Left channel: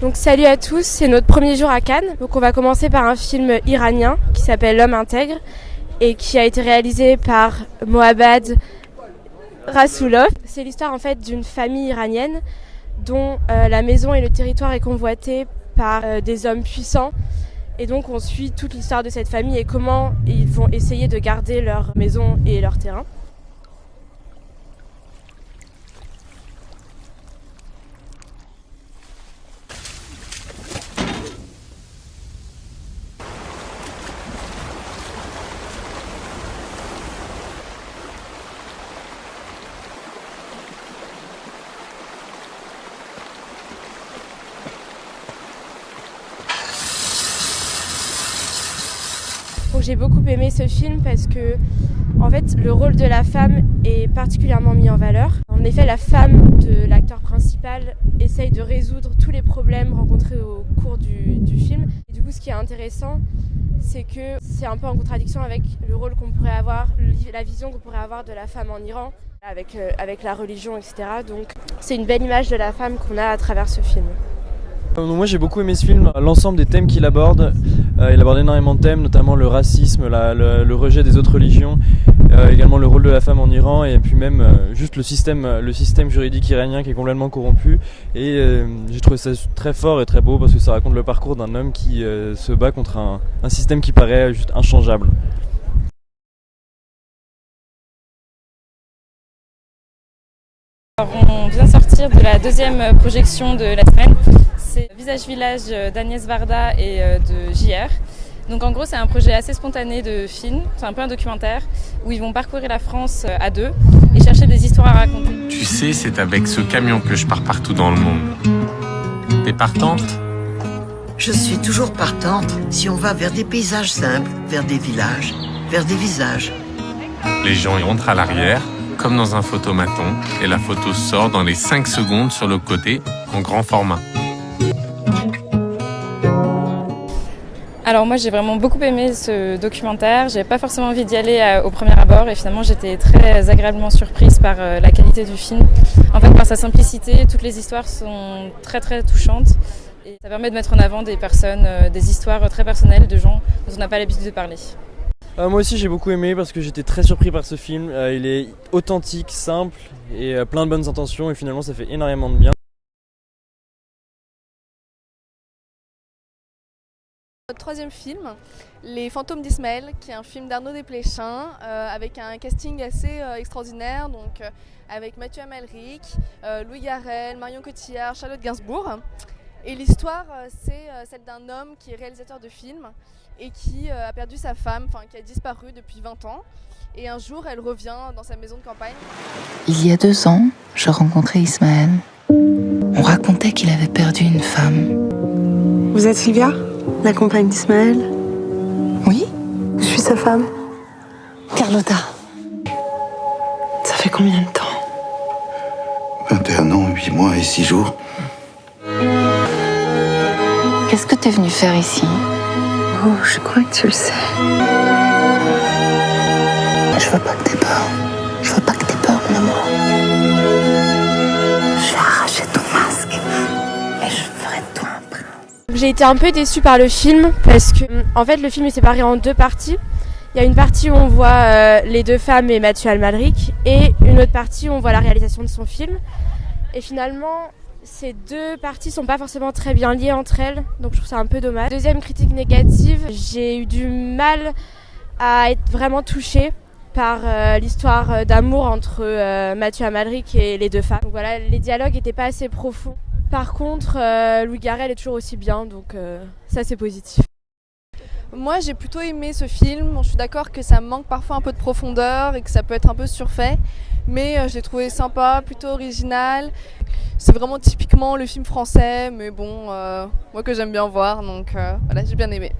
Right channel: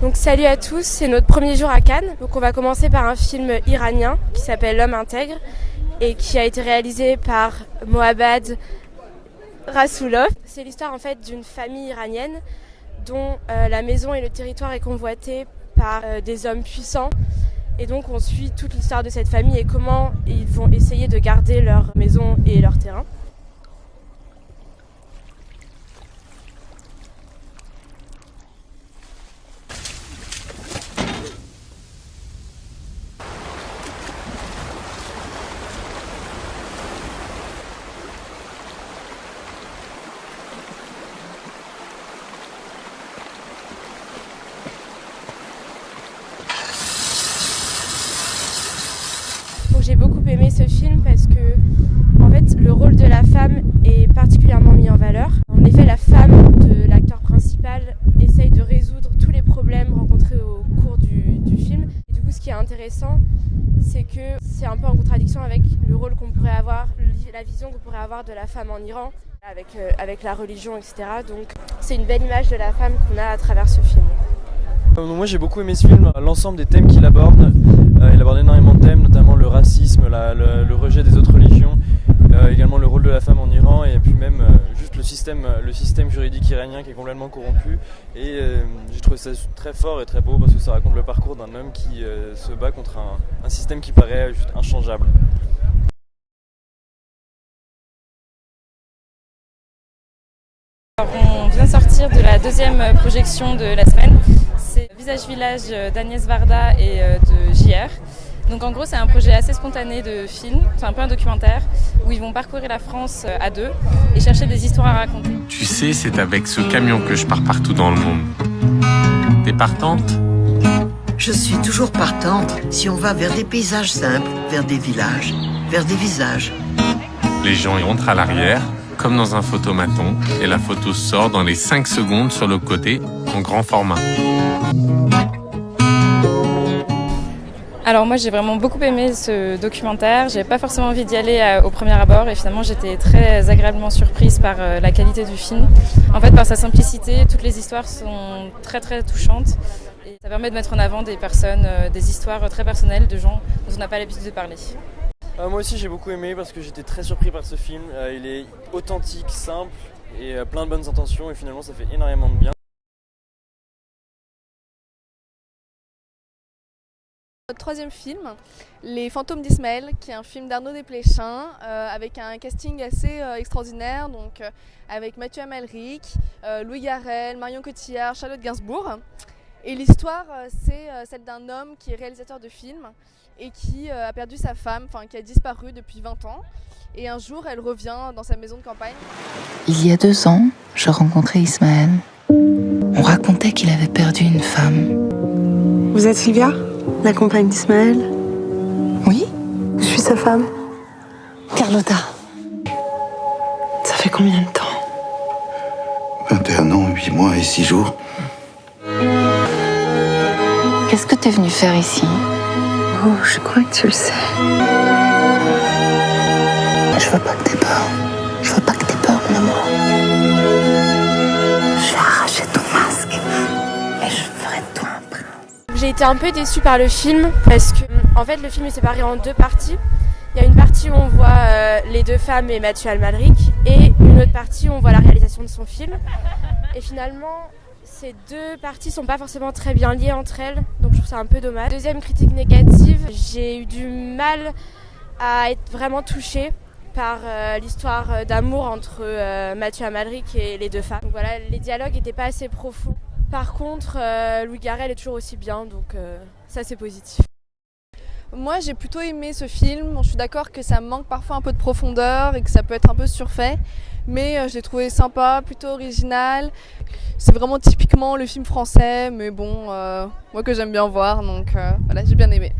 Donc salut à tous, c'est notre premier jour à Cannes. Donc on va commencer par un film iranien qui s'appelle L'homme intègre et qui a été réalisé par Mohammad Rasoulov. C'est l'histoire en fait d'une famille iranienne dont la maison et le territoire est convoité par des hommes puissants. Et donc on suit toute l'histoire de cette famille et comment ils vont essayer de garder leur maison et leur terrain. Donc j'ai beaucoup aimé ce film parce que en fait, le rôle de la femme est particulièrement mis en valeur. En effet, la femme de l'acteur principal essaye de résoudre tous les problèmes rencontrés au cours du film. Et du coup, ce qui est intéressant, c'est que c'est un peu en contradiction avec le rôle qu'on pourrait avoir, la vision qu'on pourrait avoir de la femme en Iran, avec la religion, etc. Donc c'est une belle image de la femme qu'on a à travers ce film. Moi j'ai beaucoup aimé ce film, l'ensemble des thèmes qu'il aborde. Il aborde énormément de thèmes, notamment le racisme, le rejet des autres religions, également le rôle de la femme en Iran et puis même juste le système juridique iranien qui est complètement corrompu. Et j'ai trouvé ça très fort et très beau parce que ça raconte le parcours d'un homme qui se bat contre un système qui paraît juste inchangeable. On vient de sortir de la deuxième projection de la semaine. C'est Visage Village d'Agnès Varda et de JR. Donc en gros c'est un projet assez spontané de film, c'est un peu un documentaire où ils vont parcourir la France à deux et chercher des histoires à raconter. Tu sais, c'est avec ce camion que je pars partout dans le monde. T'es partante ? Je suis toujours partante si on va vers des paysages simples, vers des villages, vers des visages. Les gens y rentrent à l'arrière, comme dans un photomaton, et la photo sort dans les 5 secondes sur le côté, en grand format. Alors moi j'ai vraiment beaucoup aimé ce documentaire, j'avais pas forcément envie d'y aller au premier abord et finalement j'étais très agréablement surprise par la qualité du film. En fait par sa simplicité, toutes les histoires sont très très touchantes et ça permet de mettre en avant des personnes, des histoires très personnelles de gens dont on n'a pas l'habitude de parler. Moi aussi j'ai beaucoup aimé parce que j'étais très surpris par ce film. Il est authentique, simple et plein de bonnes intentions et finalement ça fait énormément de bien. Notre troisième film, Les Fantômes d'Ismaël, qui est un film d'Arnaud Desplechin avec un casting assez extraordinaire, donc avec Mathieu Amalric, Louis Garrel, Marion Cotillard, Charlotte Gainsbourg. Et l'histoire, c'est celle d'un homme qui est réalisateur de films et qui a perdu sa femme, qui a disparu depuis 20 ans. Et un jour, elle revient dans sa maison de campagne. Il y a 2 ans, je rencontrais Ismaël. On racontait qu'il avait perdu une femme. Vous êtes Sylvia, la compagne d'Ismaël? Oui? Je suis sa femme. Carlotta. Ça fait combien de temps? 21 ans, 8 mois et 6 jours. Qu'est-ce que t'es venu faire ici? Oh, je crois que tu le sais. Je veux pas que t'aies peur. Je veux pas que t'aies peur, mon amour. Je vais arracher ton masque et je ferai de toi un prince. J'ai été un peu déçue par le film parce que en fait le film est séparé en 2 parties. Il y a une partie où on voit les 2 femmes et Mathieu Amalric et une autre partie où on voit la réalisation de son film. Et finalement ces 2 parties sont pas forcément très bien liées entre elles, donc je trouve ça un peu dommage. Deuxième critique négative, j'ai eu du mal à être vraiment touchée par l'histoire d'amour entre Mathieu Amalric et les 2 femmes. Donc voilà, les dialogues n'étaient pas assez profonds. Par contre, Louis Garrel est toujours aussi bien, donc ça c'est positif. Moi j'ai plutôt aimé ce film, je suis d'accord que ça manque parfois un peu de profondeur et que ça peut être un peu surfait, mais je l'ai trouvé sympa, plutôt original. C'est vraiment typiquement le film français, mais bon, moi que j'aime bien voir, donc voilà, j'ai bien aimé.